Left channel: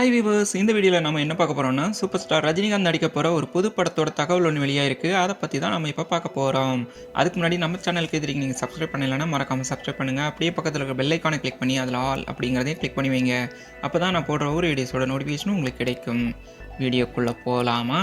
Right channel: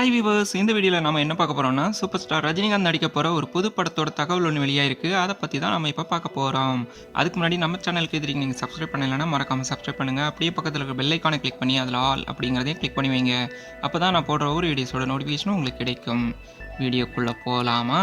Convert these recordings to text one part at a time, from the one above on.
High viewers இந்த வீடியோவில் நம்ம என்ன பார்க்க போகிறோம்னா சூப்பர் ஸ்டார் ரஜினிகாந்த் நடிக்க போகிற ஒரு புது படத்தோட தகவல் ஒன்று வெளியாயிருக்கு. அதை பற்றி தான் நம்ம இப்போ பார்க்க போகிறோம் அதுக்கு முன்னாடி நம்ம சேனலுக்கு எதிரிக்கு நீங்கள் சப்ஸ்கிரைப் பண்ணலைன்னா மறக்காமல் சப்ஸ்கிரைப் பண்ணுங்கள் அப்படியே பக்கத்தில் இருக்க பெல்லைக்கானை கிளிக் பண்ணி அதில் ஆல் அப்படிங்கிறதையும் கிளிக் பண்ணி வைங்க. அப்போ தான் நான் போடுற ஒரு வீடியோஸோட நோட்டிஃபிகேஷனும் உங்களுக்கு கிடைக்கும். வீடியோக்குள்ளே போகலாமா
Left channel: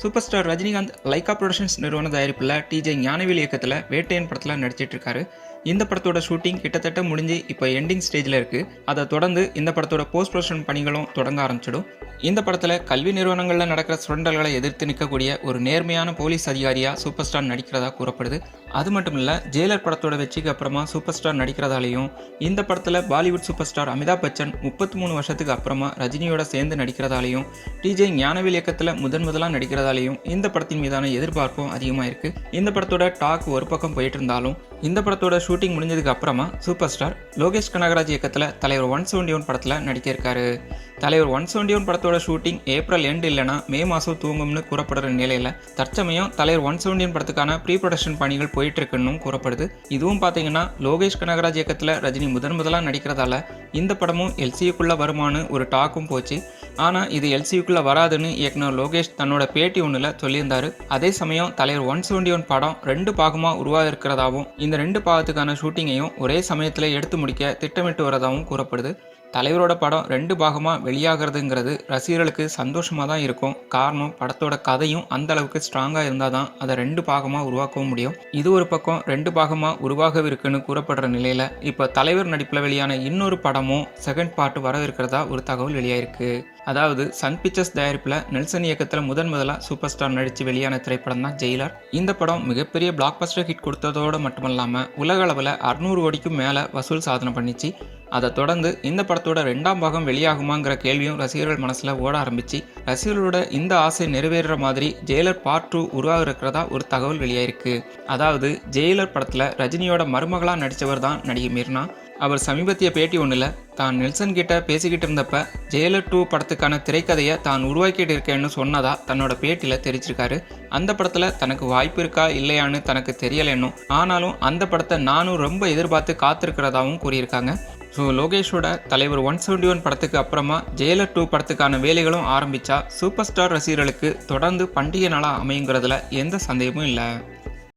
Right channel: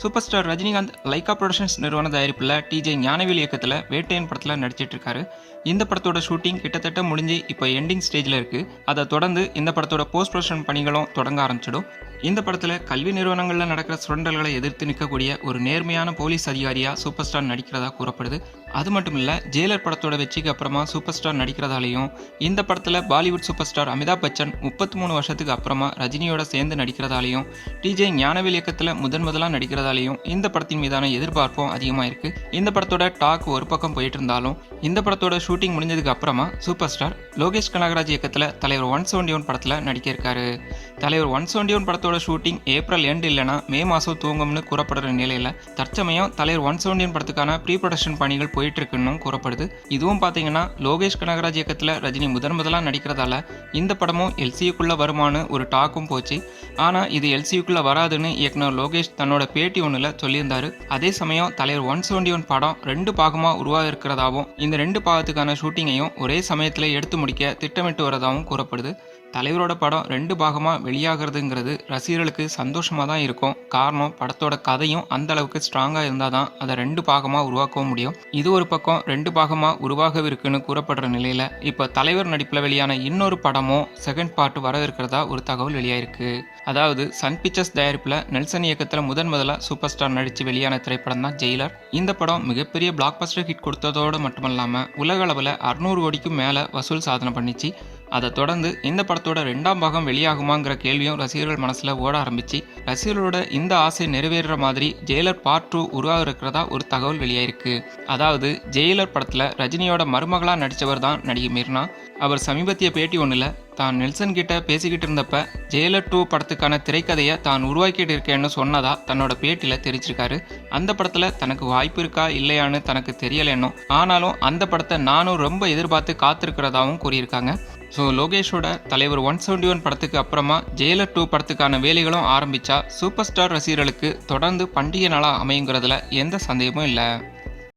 super star Rajinikanth Lyca productions நிறுவன தயாரிப்பில் டிஜே ஞானவேல் இயக்கத்தில் வேட்டையன் படத்தில் நடிச்சிட்டு இருக்காரு இந்த படத்தோட ஷூட்டிங் கிட்டத்தட்ட முடிஞ்சு இப்போ எண்டிங் ஸ்டேஜில் இருக்குது அதை தொடர்ந்து இந்த படத்தோட போஸ்ட் ப்ரொடக்ஷன் பணிகளும் தொடங்க ஆரம்பிச்சிடும். இந்த படத்தில் கல்வி நிறுவனங்களில் நடக்கிற சுரண்டல்களை எதிர்த்து நிற்கக்கூடிய ஒரு நேர்மையான போலீஸ் அதிகாரியாக சூப்பர் ஸ்டார் நடிக்கிறதா கூறப்படுது. அது மட்டும் இல்லை ஜெயிலர் படத்தோட வெற்றிக்கு அப்புறமா சூப்பர் ஸ்டார் நடிக்கிறதாலையும் இந்த படத்தில் Bollywood super star Amitabh Bachchan முப்பத்தி மூணு வருஷத்துக்கு அப்புறமா ரஜினியோட சேர்ந்து நடிக்கிறதாலையும் டிஜே ஞானவேல் இயக்கத்தில் முதன் முதலாக நடிக்கிறதாலையும் இந்த படத்தின் மீதான எதிர்பார்ப்பும் அதிகமாக இருக்கு. இந்த படத்தோட டாக் ஒரு பக்கம் போயிட்டு இருந்தாலும் இந்த படத்தோட ஷூட்டிங் முடிஞ்சதுக்கு அப்புறமா சூப்பர் ஸ்டார் லோகேஷ் கனகராஜ் இயக்கத்தில் தலைவர் ஒன் செவன்டி ஒன் படத்தில் நடிக்க இருக்காரு தலைவர் ஒன் செவன்டி ஒன் படத்தோட ஷூட்டிங் ஏப்ரல் எண்டு இல்லைனா மே மாதம் தூங்கும்னு கூறப்படுற நிலையில் தற்சமயம் தலைவர் ஒன் செவன்டி ஒன் படத்துக்கான ப்ரீ ப்ரொடக்ஷன் பணிகள் போயிட்டு இருக்குன்னு கூறப்படுது. இதுவும் பார்த்தீங்கன்னா லோகேஷ் கனகராஜ் இயக்கத்தில் ரஜினி முதன் முதலாக நடிக்கிறதால இந்த படமும் எல்சியுக்குள்ளே வருமானு ஒரு டாக்கும் போச்சு. ஆனால் இது எல்சியுக்குள்ளே வராதுன்னு இயக்குனர் லோகேஷ் தன்னோட பேட்டி ஒன்றில் சொல்லியிருந்தார். அதே சமயம் தலைவர் ஒன் செவன்டி ஒன் படம் ரெண்டு பாகமாக உருவாக இருக்கிறதாகவும் இந்த ரெண்டு பாகத்துக்கான ஷூட்டிங்கையும் ஒரே சமயத்தில் எடுத்து முடிக்க திட்டமிட்டு வரதாகவும் கூறப்படுது. தலைவரோட படம் ரெண்டு பாகமாக வெளியாகிறதுங்கிறது ரசிகர்களுக்கு சந்தோஷமாக தான் இருக்கும். காரணம் படத்தோட கதையும் அந்த அளவுக்கு ஸ்ட்ராங்காக இருந்தால் தான் அதை ரெண்டு பாகமாக உருவாக்கவும் முடியும். இது ஒரு பக்கம் ரெண்டு பாகமாக உருவாகவிருக்குன்னு கூறப்படுற நிலையில் இப்போ தலைவர் நடிப்பில் வெளியான இன்னொரு படமும் செகண்ட் பார்ட் வரவிருக்கிறதா ஒரு தகவல் வெளியாயிருக்கு. அதாவது சன் பிக்சர்ஸ் தயாரிப்பில் நெல்சன் இயக்கத்தில் முதன் முதலாக சூப்பர் ஸ்டார் நடித்து வெளியான திரைப்படம் தான் ஜெயிலர் இந்த படம் மிகப்பெரிய பிளாக் பஸ்டர் ஹிட் கொடுத்ததோடு மட்டுமல்லாமல் உலக அளவில் அறுநூறு கோடிக்கும் மேலே வசூல் சாதனை பண்ணிச்சு. அதை தொடர்ந்து இந்த படத்தோட ரெண்டாம் பாகம் வெளியாகுமாங்கிற கேள்வியும் ரசிகர்கள் மனசில் ஓட ஆரம்பிச்சு. ரசிகர்களோட இந்த ஆசை நிறைவேறுற மாதிரி ஜெயிலர் பார்ட் டூ உருவாக இருக்கிறதா ஒரு தகவல் வெளியாயிருக்கு. அதாவது ஜெயிலர் படத்தில் ரஜினியோட மருமகளாக நடித்தவர் தான் நடிகை மீர்னா அவர் சமீபத்திய பேட்டி ஒன்றில் தான் நெல்சன் கிட்ட பேசிக்கிட்டு இருந்தப்ப ஜெயலர் டூ படத்துக்கான திரைக்கதையை தான் உருவாக்கிட்டு இருக்கேன்னு சொன்னதா தன்னோட பேட்டியில் தெரிவிச்சிருக்காரு அந்த படத்தில் தனக்கு வாய்ப்பு இருக்கா இல்லையான்னு தனக்கு தெரியலைன்னும். ஆனாலும் அந்த படத்தை நானும் ரொம்ப எதிர்பார்த்து காத்திருக்கிறதாவும் கூறியிருக்காங்க. ஸோ லோகேஷோட தலைவர் ஒன் செவன்டி ஒன் படத்துக்கு அப்புறமா ஜெயலர் டூ படத்துக்கான வேலைகளும் ஆரம்பிச்சா சூப்பர் ஸ்டார் ரசிகர்களுக்கு தொடர்ந்து பண்டிகை நாளாக அமையுங்கிறதுல எந்த சந்தேகமும் இல்லை.